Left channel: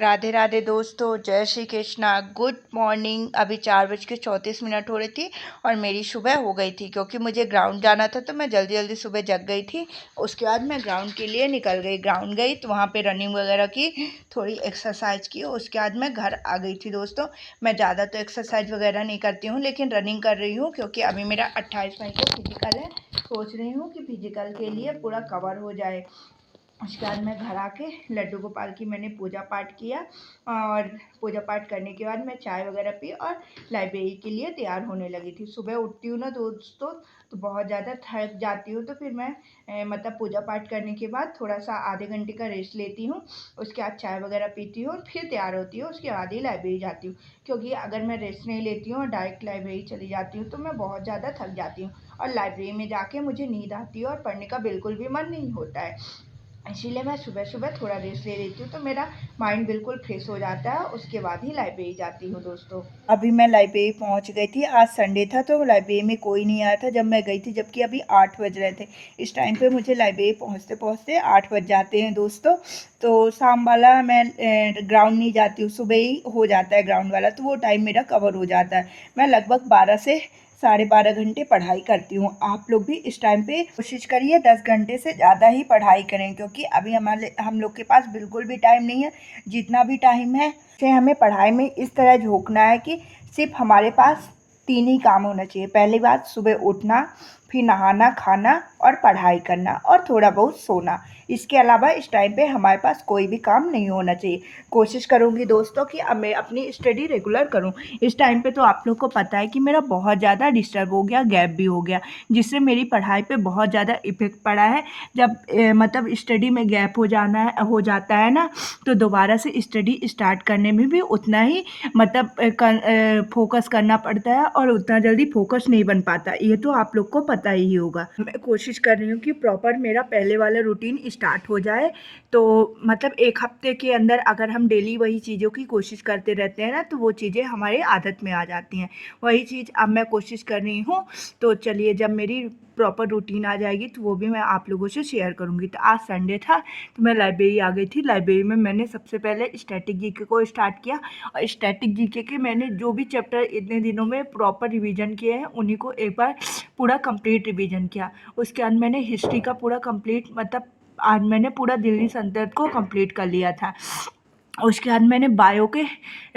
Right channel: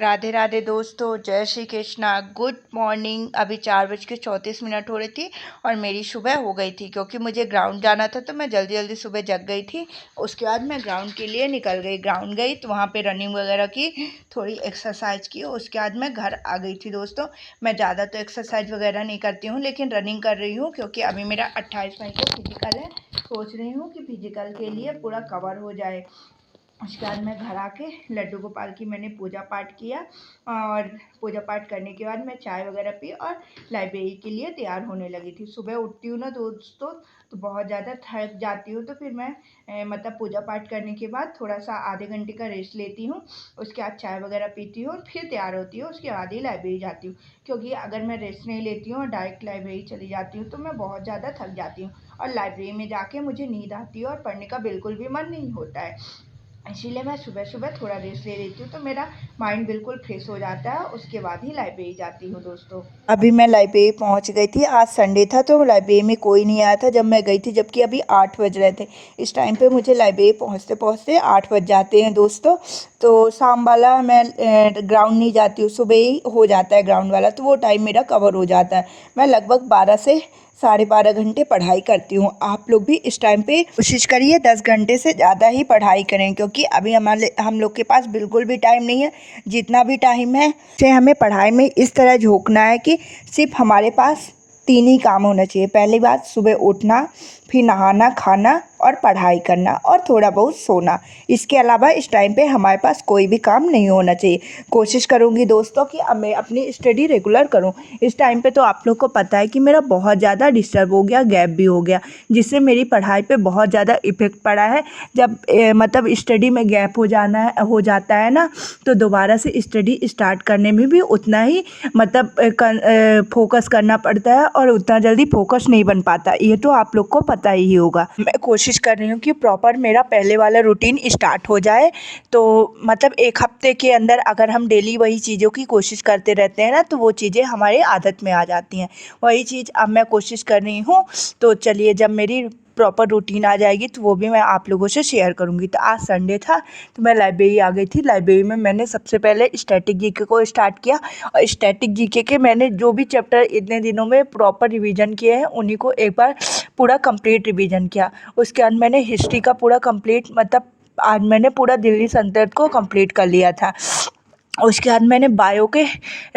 राधे राधे दोस्तों, जय Shri Krishna. Good morning. अभी 4:34 हो रही थी और मेरी सुबह हो गई थी क्योंकि मुझे ग्राउंड जाना था, तो मैं जल्दी जल्दी सुबह जग गई थी। उसके बाद मैं ग्राउंड के लिए निकल गई। ग्राउंड गई तो वहाँ पे रनिंग वगैरह की, थोड़ी एक्सरसाइज की। उसके बाद मैं घर आ गई थी दोस्तों। मैं ज़्यादा तो एक्सरसाइज वगैरह नहीं करती हूँ, लेकिन रनिंग कर रही हूँ क्योंकि अभी मेरा 28 मई को फिजिकल है। सोच रही हूँ कि फिजिकल के लिए पूरा कवर हो जाए। उसके बाद मैं घर आके लड्डू गोपाल की मैंने पूजा पाठ किया, और पूजा पाठ करने के बाद मैं चाय वगैरह पी और लाइब्रेरी के लिए तैयार होने लगी थी। सुबह उठती हूँ ना दोस्तों, तो बहुत ज़्यादा थक जाती हूँ, तो फिर मैं मतलब पूजा पाठ करने के बाद थोड़ा सा आधे घंटे का रेस्ट लेती हूँ। उसके बाद चाय वगैरह पीती हूँ, फिर तैयार होती हूँ। उसके बाद ही लाइब्रेरी जाती हूँ, क्योंकि अगर मैं रेस्ट नहीं लेती हूँ और डायरेक्ट लाइब्रेरी चली जाती हूँ तो मैं बहुत ज़्यादा थक जाती हूँ, और लाइब्रेरी में जाके मुझे नींद आती है और पढ़ने का बिल्कुल भी मन नहीं होता है। इसीलिए मैं सुबह सुबह थोड़ा रेस्ट ले लेती हूँ, तो मेरा माइंड बिल्कुल फ्रेश हो जाता है। उसके बाद ही लाइब्रेरी जाती हूँ दोस्तों। अभी मैं लाइब्रेरी पहुँच गई थी। आज संडे था तो लाइब्रेरी में कोई नहीं आया था जब मैं गई थी, जबकि अभी 8 बज रहे थे। इस टाइम पे मुझे लाइब्रेरी पहुँचते पहुँचते 8 बज जाते हैं दोस्तों। तो शाम वाला मैं ग्राउंड नहीं जाती हूँ, सुबह ही हो जाता है ग्राउंड वाला, तो वो टाइम मेरा कवर हो जाता है। मैं लगभग 12 से 12.5 घंटे पढ़ाई करती हूँ। आप लोग भी इस टाइम पे कोशिश करिए 10 घंटे से ज़्यादा ही पढ़ाई करें, क्योंकि अभी हम लोग के पास बिल्कुल भी टाइम नहीं है। जितना भी टाइम है उसे हमें पढ़ाई में इस तरह झोंकना है कि सिर्फ हमारे पास 3 ही काम होना चाहिए। पहली बात, सुबह उठना, फिर नहाना, खाना और पढ़ाई करना, और थोड़ा बहुत सोना। इसके अलावा इस टाइम पे हमारे पास कोई भी काम नहीं होना चाहिए। कोशिश करूँगी दोस्तों कि अब मैं अपनी स्टडी रेगुलर करूँ। इस टाइम पे तो आप लोग को पता है कि मेरा बहुत ज़्यादा डिस्टर्ब हो गया, गैप भी हो गया, जिससे मेरी पढ़ाई पे बहुत ज़्यादा इफ़ेक्ट पड़ा है। जब मतलब स्टडी में गैप हो जाता है ना, तो दोबारा से स्टडी स्टार्ट करने में भी उतना ही मतलब फोकस करना पड़ता है, और उतना जल्दी फोकस नहीं बन पाता। ये तो आप लोग को पता ही होगा। मैं कोशिश कर रही हूँ कि प्रॉपर मेरा पहले वाला रूटीन स्टार्ट हो जाए। तो मतलब 1 हफ्ते के अंदर अगर हम डेली वही चीज़ों की कोशिश करते रहते हैं ना, तो वो चीज़ें हमारे आदत में आ जाती हैं। वही चीज़ अब मैं कोशिश कर रही हूँ। तो चलिए, जब मेरी प्रॉपर रूटीन आ जाएगी तो वो भी मैं आप लोगों से शेयर करूँगी। तो आज संडे था तो मैं लाइब्रेरी आ गई थी। लाइब्रेरी में मैंने सबसे पहले स्टैटिक जीके को स्टार्ट किया, और स्टैटिक जीके के मैंने जो भी चैप्टर इतने दिनों में प्रॉपर रिवीजन किए हैं उन्हीं को एक बार पूरा कंप्लीट रिवीजन किया। उसके बाद मैंने हिस्ट्री का पूरा कंप्लीट, मतलब आज मैंने पूरा दिल्ली सल्तनत को कंप्लीट कर लिया था। उसके बाद मैंने बायो के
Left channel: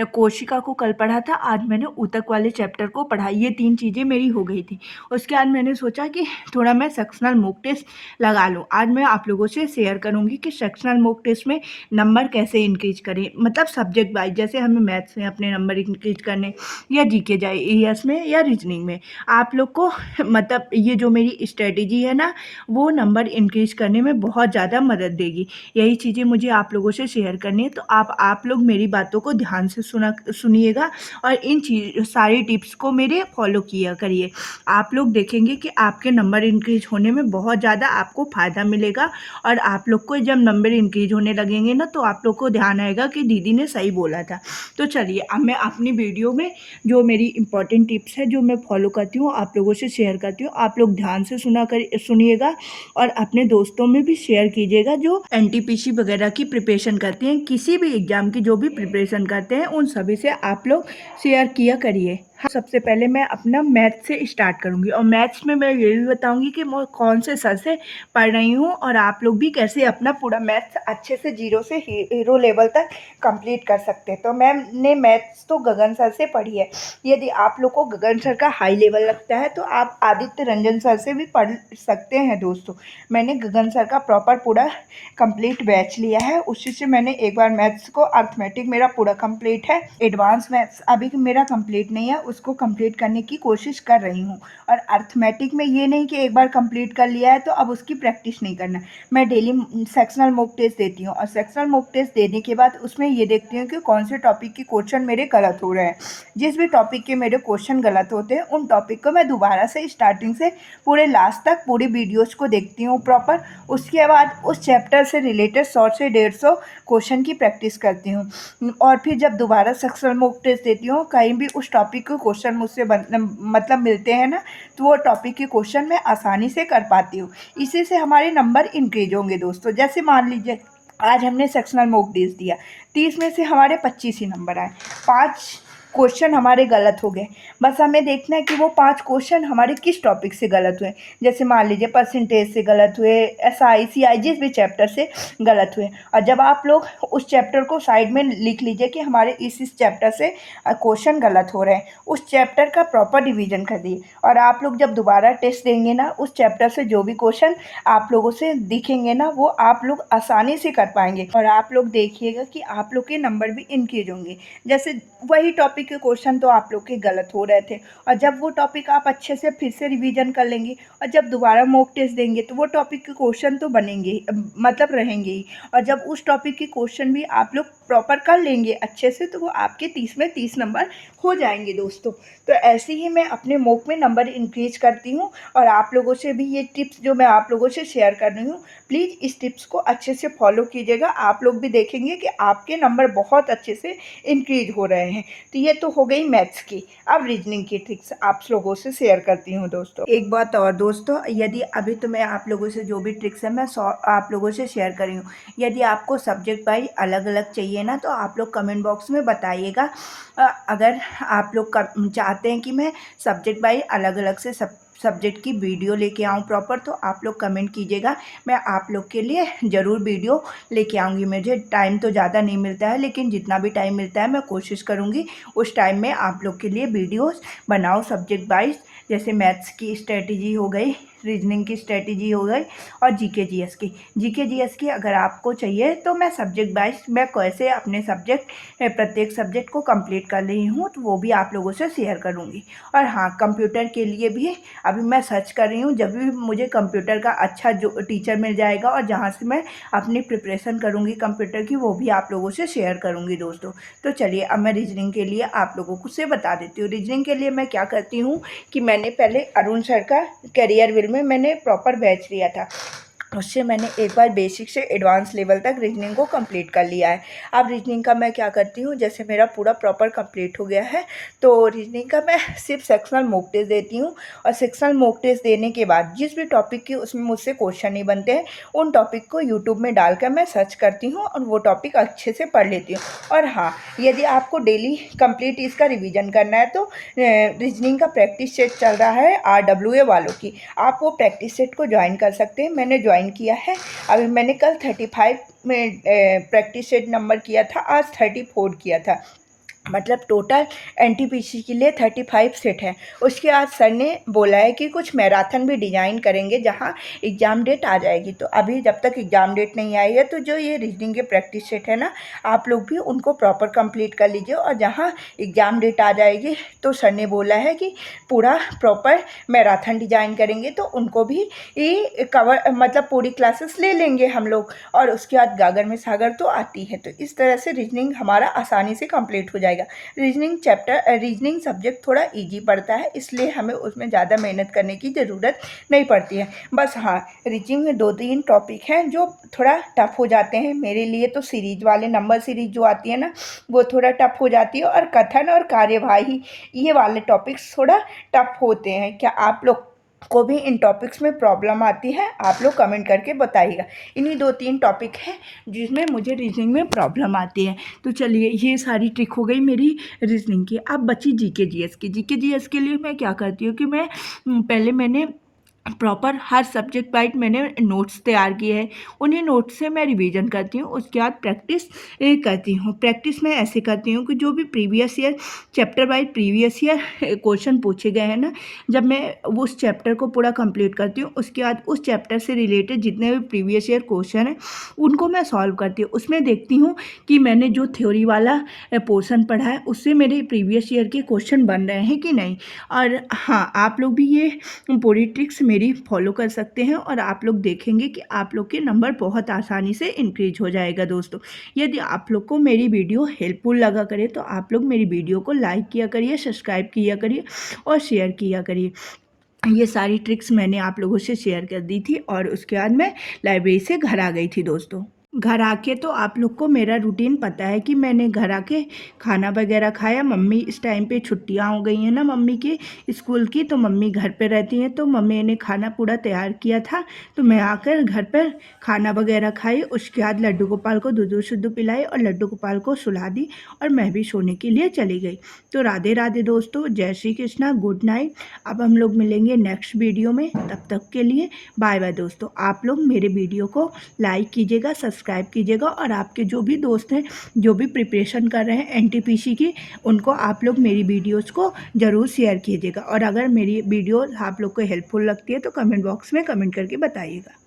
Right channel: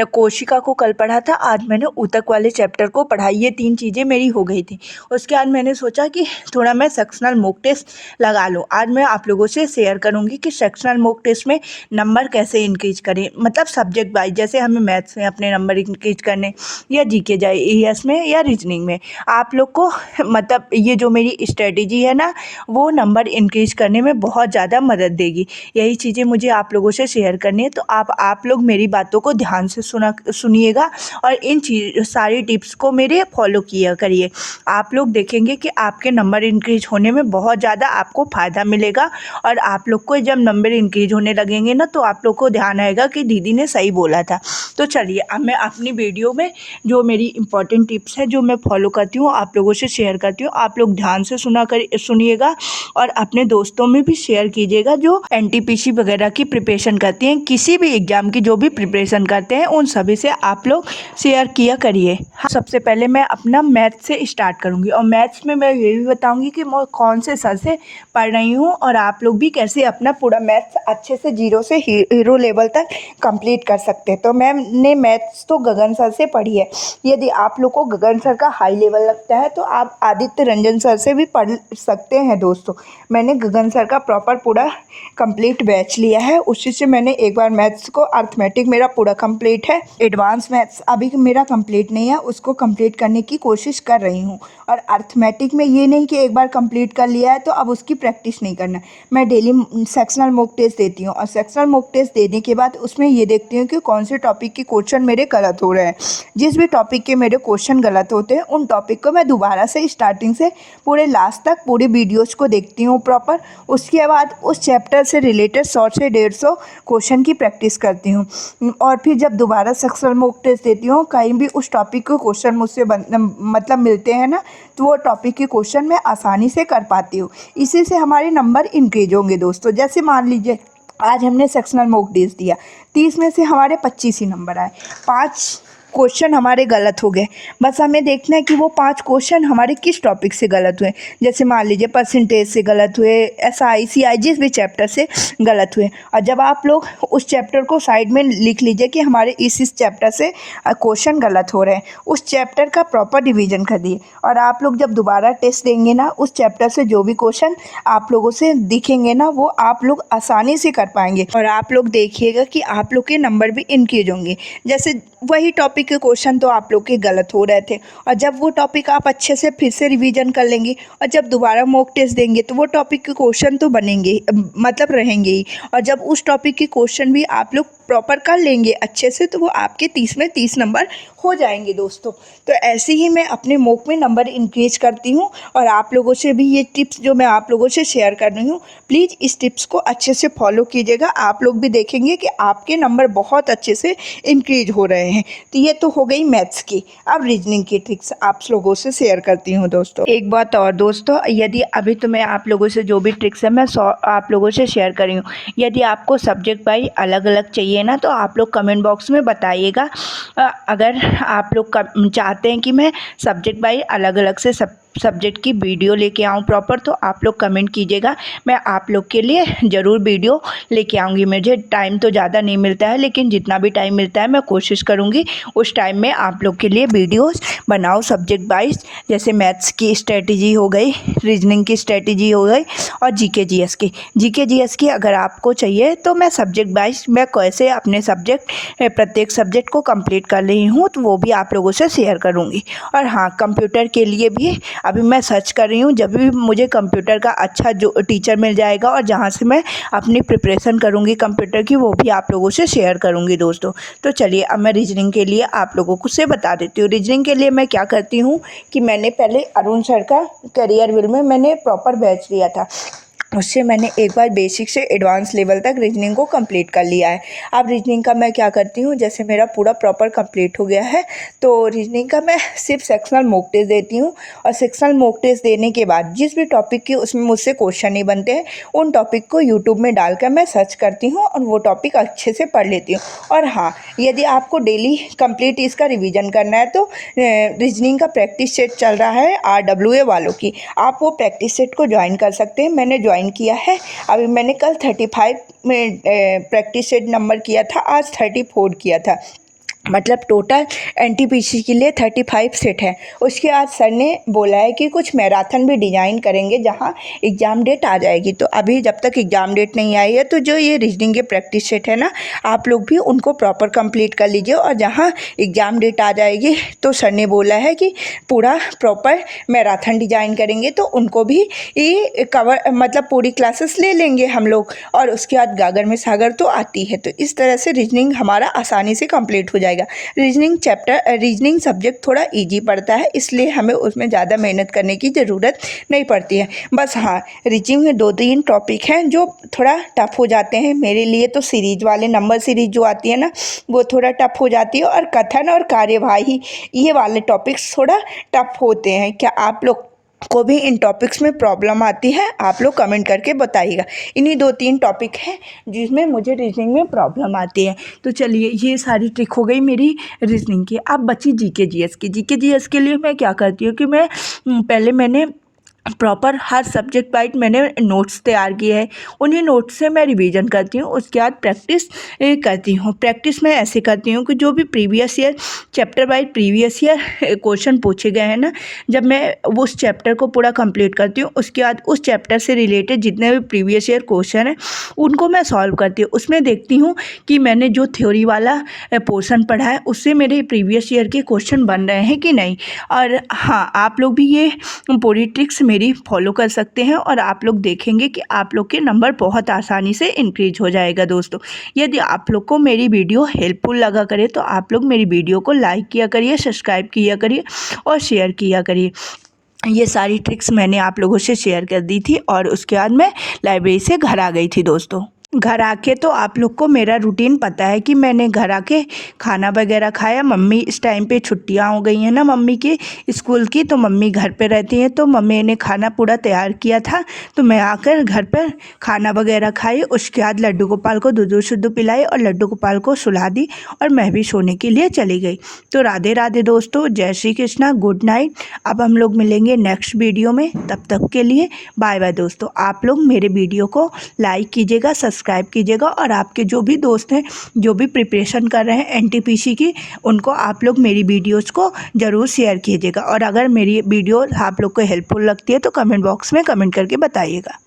कोशिका को कल पढ़ा था, आज मैंने ऊतक वाले चैप्टर को पढ़ा। ये 3 चीज़ें मेरी हो गई थी। उसके बाद मैंने सोचा कि थोड़ा मैं सेक्शनल मॉक टेस्ट लगा लूँ। आज मैं आप लोगों से शेयर करूँगी कि सेक्शनल मॉक टेस्ट में नंबर कैसे इंक्रीज करें, मतलब सब्जेक्ट वाइज। जैसे हमें मैथ्स में अपने नंबर इंक्रीज करने, या जीके जाए ईएस में, या रीजनिंग में। आप लोग को मतलब ये जो मेरी स्ट्रेटेजी है ना, वो नंबर इंक्रीज करने में बहुत ज़्यादा मदद देगी। यही चीज़ें मुझे आप लोगों से शेयर करनी है। तो आप लोग मेरी बातों को ध्यान से सुनिएगा, और इन सारी टिप्स को मेरे फॉलो किया करिए। आप लोग देखेंगे कि आपके नंबर इंक्रीज होने में बहुत ज़्यादा आपको फ़ायदा मिलेगा। और आप लोग को जब नंबर इंक्रीज होने लगेंगे ना, तो आप लोग को ध्यान आएगा कि दीदी ने सही बोला था। तो चलिए, अब मैं अपनी वीडियो में जो मेरी इंपॉर्टेंट टिप्स है, जो मैं फॉलो करती हूँ, आप लोगों से शेयर करती हूँ। आप लोग ध्यान से सुनिएगा, और अपने दोस्तों में भी शेयर कीजिएगा जो एनटीपीसी वगैरह की प्रिपरेशन करती हैं। किसी भी एग्ज़ाम की जो भी प्रिपरेशन करते हैं, उन सभी से आप लोग शेयर किया करिए। सबसे पहले मैं अपना मैथ्स से स्टार्ट करूँगी, और मैथ्स में मैं ये भी बताऊँगी कि मैं कौन से सर से पढ़ रही हूँ, और आप लोग भी कैसे अपना पूरा मैथ्स अच्छे से 0 से हीरो लेवल तक कंप्लीट कर सकते हैं। तो मैंने मैथ्स तो गगन सर से पढ़ी है। यदि आप लोग को गगन सर का हाई लेवल लगता है तो आप आदित्य रंजन सर से भी पढ़ सकते हैं दोस्तों। मैंने गगन सर का प्रॉपर पूरा कंप्लीट बैच लिया है, उसी से मैंने एक बार मैथ्स को, अर्थमेटिक मेरा पूरा कंप्लीट है। एडवांस मैथ्स अभी मेरा कंप्लीट नहीं है, उसको कंप्लीट करने की कोशिश कर रही हूँ। और अर्थमेटिक में ये नहीं कि एक बार कंप्लीट कर लिया है तो अब उसकी प्रैक्टिस नहीं करना। मैं डेली सेक्शनल मॉक टेस्ट देती हूँ, और सेक्शनल मॉक टेस्ट देने के बाद उसमें ये देखती हूँ कि कौन से टॉपिक के क्वेश्चन मेरे गलत हो रहे हैं। जिस भी टॉपिक के मेरे क्वेश्चन गलत होते हैं, उन टॉपिक को मैं दोबारा से स्टार्टिंग से पूरे लास्ट तक पूरी वीडियोज़ को देखती हूँ प्रॉपर। उसके बाद उस चैप्टर से रिलेटेड 100 से 150 क्वेश्चन की प्रैक्टिस करती हूँ। और फिर जब दोबारा सेक्शनल मॉक टेस्ट देती हूँ, कहीं भी उस टॉपिक के क्वेश्चन मुझसे मतलब मिलते हैं ना, तो वो टॉपिक के क्वेश्चन मैं आसानी से कर पाती हूँ। इसी से हमारे नंबर इंक्रीज होंगे दोस्तों। जैसे मान लीजिए आज हमने सेक्शनल मॉक टेस्ट दिया, 30 में से हमारे 25 ही नंबर आए, 5 क्वेश्चन हमारे गलत हो गए। बस हमें देखना है कि वो 5 क्वेश्चन हमारे किस टॉपिक से गलत हुए। जैसे मान लीजिए परसेंटेज से गलत हुए, एसआई सीआई जिस भी चैप्टर से गलत हुए। और जब आप लोग उस चैप्टर को साइड में लिख लीजिए कि हमारे इस चैप्टर से क्वेश्चन गलत हो रहे हैं, उस चैप्टर का प्रॉपर रिवीजन कर दिए। और आप लोग जब दोबारा टेस्ट देंगे ना, उस चैप्टर से जो भी क्वेश्चन आप लोगों से दिखेंगे ना, वो आप लोग आसानी से कर पाएंगे। और आप लोग देखिएगा कि आप लोग के नंबर भी इंक्रीज होंगे। जैसे वही टॉपिक के क्वेश्चन तो आप लोग के गलत हो रहे थे, और जब वो टॉपिक आप अच्छे से फिर से रिवीजन कर लेंगे और जब दोबारा मॉक टेस्ट देंगे तो वो टॉपिक के क्वेश्चन तो बनेंगे, मतलब रहेंगे ही। और जब उस टॉपिक के क्वेश्चन भी आप लोग प्रॉपर कर लेंगे अच्छे से, तो वो आपके 30 में 30 नंबर हो जाएंगे दोस्तों। तो ऐसे ही मैं अपने मॉक में नंबर इंक्रीज करती हूँ, और आप लोगों से भी ये टिप्स जो मैं आप लोगों से शेयर कर रही हूँ, प्लीज़ इस टिप्स को अच्छे से फॉलो कीजिएगा। आप लोग भी देखेंगे कि आपके नंबर बहुत अच्छे से इंक्रीज हो रहे हैं। तो ये तो हो गई मैथ्स की। अब रीजनिंग की ट्रिक्स आप लोगों से शेयर करती हूँ दोस्तों। एक बात और दोस्तों, यदि अभी तो मैं आप लोगों से जो भी ट्रिक्स है मैं आप लोगों से शेयर कर रही हूँ, यदि आपको सब्जेक्ट वाइज अलग अलग चाहिए ना, तो आप लोग कमेंट बॉक्स में बताइएगा। अगर आप लोग चाहते हैं कि मैं सब्जेक्ट वाइज अलग अलग से सब्जेक्ट की वीडियो लेके आऊँ प्रॉपर, तो आप लोग कमेंट कीजिएगा। मैं आप लोग के लिए ज़रूर वीडियो लेके आऊँगी। मुझे टाइम तो ज़्यादा नहीं मिलता है, लेकिन जितना भी टाइम मिलता है मैं कोशिश करूँगी उस टाइम में आप लोग के लिए वीडियोस बनाऊँ सब्जेक्ट वाइज। जैसे मैथ्स की स्ट्रेटजी हो गई, रीजनिंग की स्ट्रेटजी हो गई, और जीके जीएस की अगर आपको चाहिए तो मैं सब्जेक्ट वाइज मैं कैसे अपने प्रत्येक सब्जेक्ट को कंप्लीट कर रही हूँ, तो वो भी आप लोगों से शेयर करूँगी। और हाँ, कंप्यूटर के लिए भी अभी मैं सर्च कर रही हूँ। जब भी मुझे कंप्यूटर का अच्छा जो टीचर मिल जाएगा और जहाँ से मैं अपनी प्रिपरेशन करूँगी कंप्यूटर की, वो भी आप लोगों से शेयर करूँगी दोस्तों। तो चलिए अब मैं रीजनिंग के लिए आप लोगों को से बता देती हूँ। रीजनिंग के लिए मैं क्या करती हूँ कि मैंने पहले अरुण सर का करियर विल में मैंने प्रॉपर बैच लिया था, उससे मैंने एक बार बेसिक से एडवांस लेवल तक रीजनिंग को कंप्लीट कर लिया है। अब रीजनिंग का मैं क्या करती हूँ, जैसे मेरा पूरा प्रॉपर कंप्लीट हो गया है, तो रीजनिंग का मैं सिर्फ सेक्शनल मॉक टेस्ट देती हूँ। और सेक्शनल मॉक टेस्ट देने के बाद जिस भी टॉपिक के उसमें मुझसे क्वेश्चन नहीं बनते हैं, उन टॉपिक को यूट्यूब में डालकर मैं सर्च करती हूँ और वो टॉपिक अच्छे से पढ़ लेती हूँ। और हाँ, यदि आपको डेली कंप्लीट इसका रिविज़न करना है, तो रीजनिंग का प्रैक्टिस सेट चल रहा है RWA वालों की, आप वो प्रैक्टिस सेट को ज्वाइन कर सकते हैं। मैंने ज्वाइन किया है। अभी मैंने कल 35 में प्रैक्टिस सेट नंबर किया था, आज 34 किया था। मतलब टोटल एनटीपीसी के लिए 35 सेट है। उसके बाद सर ने बोला है कि कुछ मैराथन भी डिज़ाइन करेंगे जहां एग्ज़ाम डेट आ जाएगी। तो अभी जब तक एग्ज़ाम डेट नहीं आई है, तो जो ये रीजनिंग के प्रैक्टिस सेट है ना, आप लोग भी उनको प्रॉपर कंप्लीट कर लीजिए। और जहां एग्ज़ाम डेट आ जाएगी, तो सर ने बोला है कि पूरा प्रॉपर मैराथन डिज़ाइन करेंगे, तो उनको भी ये कवर मतलब पूरी क्लासेस ले लेंगे हम लोग। और उसके बाद गागर में सागर तो आती है, तो इस तरह से रीजनिंग हमारा आसानी से कंप्लीट हो जाएगा। रीजनिंग सब्जेक्ट थोड़ा इजी पड़ता है, इसलिए हमें उसमें ज़्यादा मेहनत करने की ज़रूरत नहीं पड़ती है। बस हाँ, रीजनिंग में 2-3 टॉपिक हैं जो थोड़ा टफ हो जाते हैं मेरे लिए। तो सीरीज वाले नंबर सीरीज जो आती है ना, वो थोड़ा टफ हो जाती है। और कथन और कार्यवाही, ये वाले टॉपिक्स थोड़ा टफ होते हैं। क्या आप लोग को भी इन टॉपिक्स में प्रॉब्लम आती है? आप लोग कमेंट करके बताइएगा। इन्हीं 2-3 टॉपिक हैं जिसमें मुझे रीजनिंग में प्रॉब्लम आती है। तो चलिए, ये सारी ट्रिक हो गई मेरी रीजनिंग की। अब बची जीके जीएस की। जीके जीएस के लिए मैं क्या करती हूँ कि मैं पहले मैंने प्रॉपर हर सब्जेक्ट वाइज मैंने नोट्स तैयार किए हैं, उन्हीं नोट्स से मैं रिवीजन करती हूँ। उसके बाद प्रैक्टिस करती हूँ। प्रैक्टिस मैं ऐसे करती हूँ कि जो भी previous year chapter wise previous year question पूछे गए हैं ना, जब मैं उस चैप्टर को पूरा कंप्लीट करती हूँ, उसके बाद उस चैप्टर से रिलेटेड जितने भी प्रीवियस ईयर क्वेश्चन हैं उनको मैं सॉल्व करती हूँ। उसमें देखती हूँ कि मैंने जो थ्योरी वाला पोर्शन पढ़ा है उससे मेरे प्रीवियस ईयर के क्वेश्चन बन रहे हैं कि नहीं। और हाँ, आप लोग भी ये पूरी ट्रिक्स मेरी फॉलो कर सकते हैं, और आप लोग देखेंगे कि आप लोग के नंबर बहुत आसानी से इंक्रीज हो जाएगा दोस्तों। यदि आप लोग को मेरी वीडियो हेल्पफुल लगा करे, तो आप लोग मेरी वीडियो को लाइक किया करिए, सब्सक्राइब किया करिए और शेयर किया करिए। ये सारी ट्रिक्स मैंने आप लोगों से शेयर कर दी थी, और उसके बाद मैं लाइब्रेरी से घर आ गई थी दोस्तों। घर आके तो आप लोग को मेरा रूटीन पता है कि मैंने घर आके खाना वगैरह खाया। मम्मी इस टाइम पे छुट्टियां हो गई हैं ना मम्मी की स्कूल की, तो मम्मी घर पे रहती हैं, तो मम्मी ने खाना पूरा तैयार किया था। तो मैं आकर घर पे खाना वगैरह खाई। उसके बाद लड्डू गोपाल को दूध शुद्ध पिलाई और लड्डू गोपाल को सुला दी और मैं भी सोने के लिए चली गई। तो राधे राधे दोस्तों, जय श्री कृष्णा, गुड नाइट। अब हम लोग मिलेंगे नेक्स्ट वीडियो में, तब तक के लिए बाय बाय दोस्तों। आप लोग मेरे वीडियो को लाइक कीजिएगा, सब्सक्राइब कीजिएगा और आपके जो भी दोस्त हैं जो भी प्रिपरेशन कर रहे हैं एनटीपीसी की, उनको आप लोग मेरी वीडियोस को ज़रूर शेयर कीजिएगा। और अगर मेरी वीडियो आप लोग को हेल्पफुल लगती है तो कमेंट बॉक्स में कमेंट करके बताइएगा।